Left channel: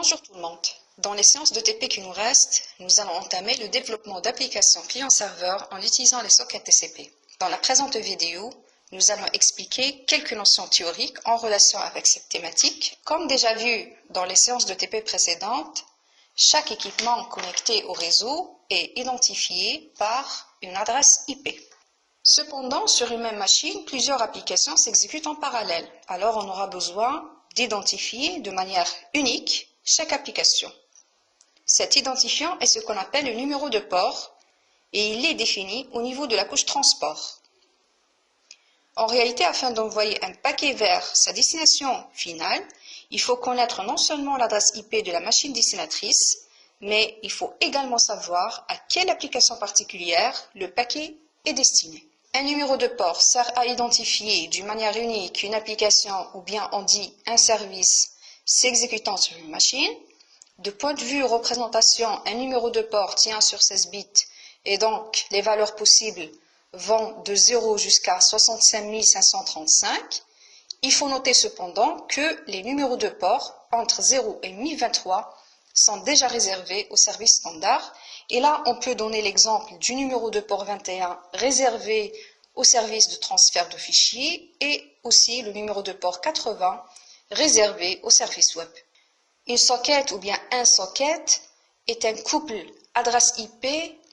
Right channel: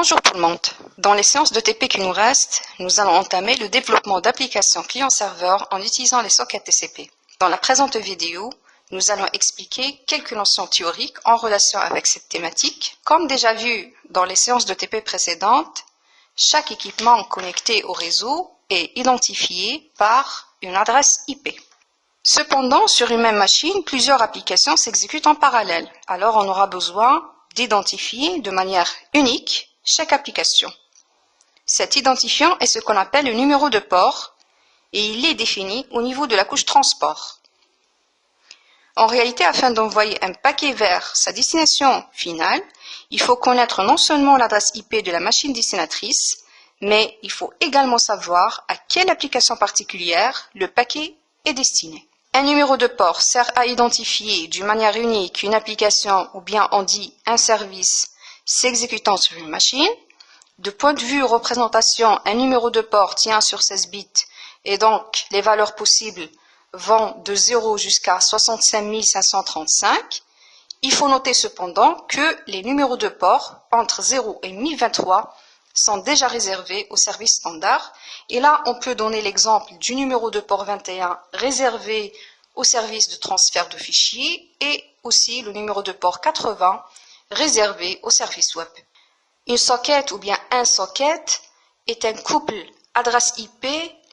Bonjour tout le monde. Dans les séances de TP qui nous restent, nous allons entamer le développement d'applications client-serveur en utilisant les sockets TCP. Dans la présente vidéo, nous allons expliquer quelques notions théoriques en relation avec cette thématique. Comme déjà vu dans les séances de TP précédentes, chaque équipement connecté au réseau est identifié par une adresse IP. Cependant, sur une même machine, plusieurs applications s'exécutent en parallèle. Alors, on aura besoin d'identifier de manière unique chaque application. Cet identifiant est ce qu'on appelle le numéro de port et il est défini au niveau de la couche transport. En réalité, afin d'envoyer un paquet vers sa destination finale, il faut connaître non seulement l'adresse IP de la machine destinatrice, mais il faut également savoir à quelle application particulière le paquet est destiné. Un numéro de port sert à identifier d'une manière unique une application ou bien on dit un service s'exécutant sur une machine. De point de vue représentation, un numéro de port tient sur 16 bits et donc les valeurs possibles vont de 0 jusqu'à 65 535. Il faut noter cependant que les numéros de port entre 0 et 1023 sont déjà réservés au service standard. Et là, on peut donner l'exemple du numéro de port 21 réservé au service de transfert de fichiers et aussi le numéro de port 80 réservé au service web. Une socket ou bien un socket est un couple adresse IP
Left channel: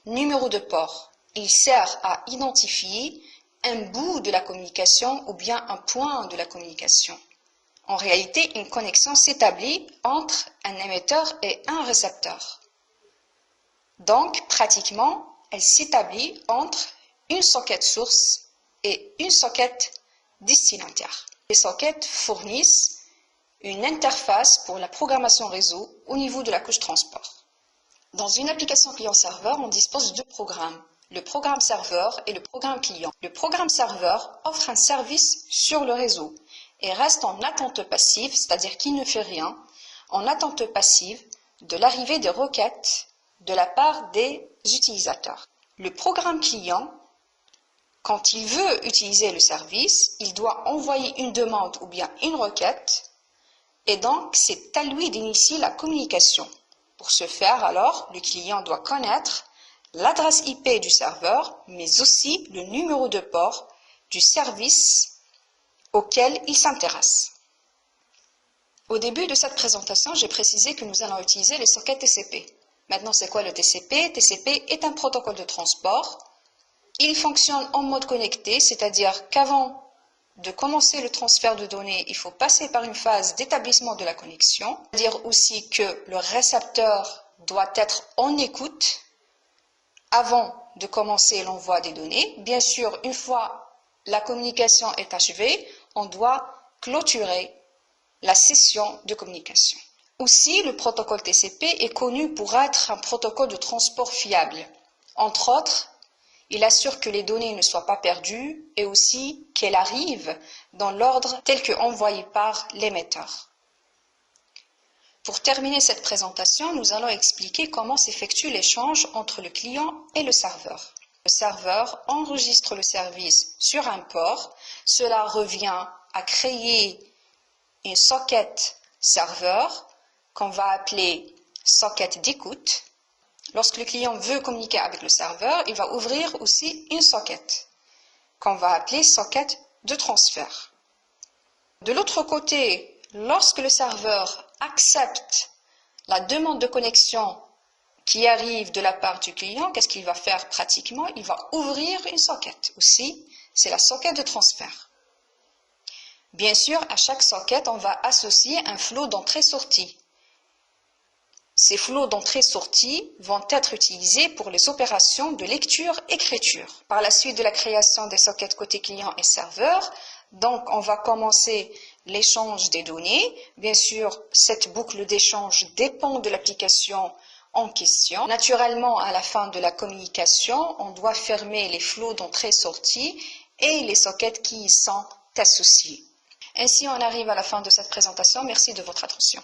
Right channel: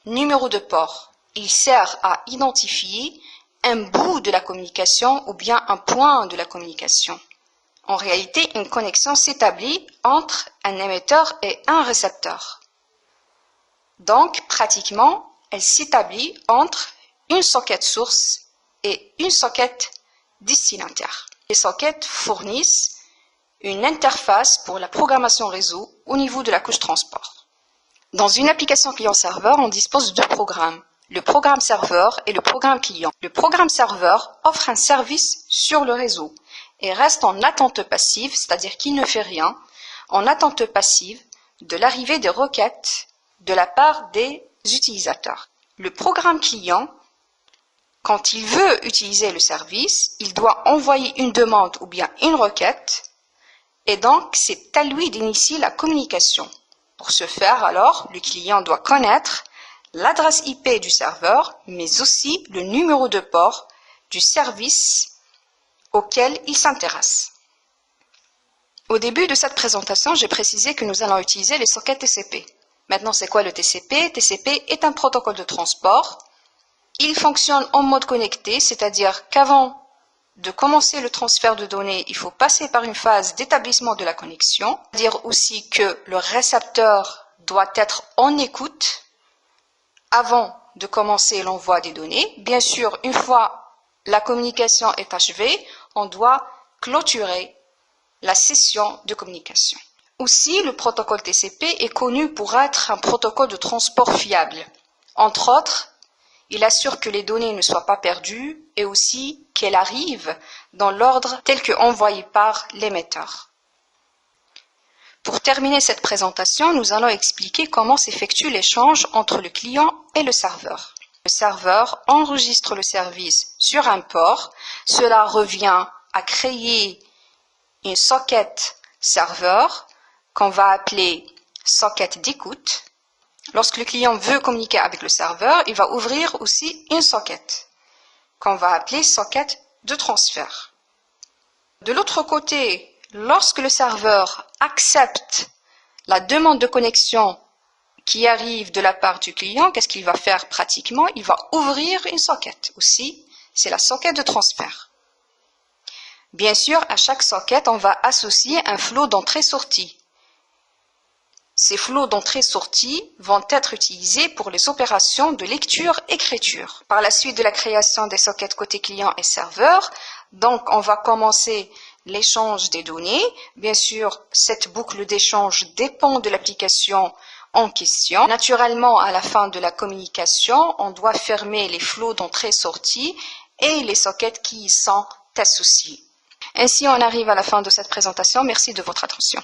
numéro de port. Il sert à identifier un bout de la communication ou bien un point de la communication. En réalité, une connexion s'établit entre un émetteur et un récepteur. Donc, pratiquement, elle s'établit entre une socket source et une socket destinataire. Les sockets fournissent une interface pour la programmation réseau au niveau de la couche transport. Dans une application client-serveur, on dispose de deux programmes, le programme serveur et le programme client. Le programme serveur offre un service sur le réseau et reste en attente passive, c'est-à-dire qu'il ne fait rien, en attente passive de l'arrivée des requêtes de la part des utilisateurs. Le programme client, quand il veut utiliser le service, il doit envoyer une demande ou bien une requête et donc c'est à lui d'initier la communication. Pour ce faire, alors, le client doit connaître l'adresse IP du serveur, mais aussi le numéro de port du service auquel il s'intéresse. Au début de cette présentation, j'ai précisé que nous allons utiliser les sockets TCP. Maintenant, c'est quoi le TCP? TCP est un protocole de transport. Il fonctionne en mode connecté, c'est-à-dire qu'avant de commencer le transfert de données, il faut passer par une phase d'établissement de la connexion. C'est-à-dire aussi que le récepteur doit être en écoute avant de commencer l'envoi des données. Bien sûr, une fois la communication est achevée, on doit clôturer la session de communication. Aussi, le protocole TCP est connu pour être un protocole de transport fiable. Entre autres, il assure que les données ne soient pas perdues et aussi qu'elles arrivent dans l'ordre tel que envoyé par l'émetteur. Pour terminer cette présentation, nous allons expliquer comment s'effectue l'échange entre le client et le serveur. Le serveur enregistre le service sur un port. Cela revient à créer une socket serveur qu'on va appeler socket d'écoute. Lorsque le client veut communiquer avec le serveur, il va ouvrir aussi une socket qu'on va appeler socket de transfert. De l'autre côté, lorsque le serveur accepte la demande de connexion qui arrive de la part du client, qu'est-ce qu'il va faire pratiquement? Il va ouvrir une socket aussi, c'est la socket de transfert. Bien sûr, à chaque socket, on va associer un flot d'entrée-sortie. Ces flots d'entrée-sortie vont être utilisés pour les opérations de lecture-écriture. Par la suite de la création des sockets côté client et serveur, donc on va commencer l'échange des données. Bien sûr, cette boucle d'échange dépend de l'application en question. Naturellement, à la fin de la communication, on doit fermer les flots d'entrée-sortie et les sockets qui y sont associés. Ainsi, on arrive à la fin de cette présentation. Merci de votre attention.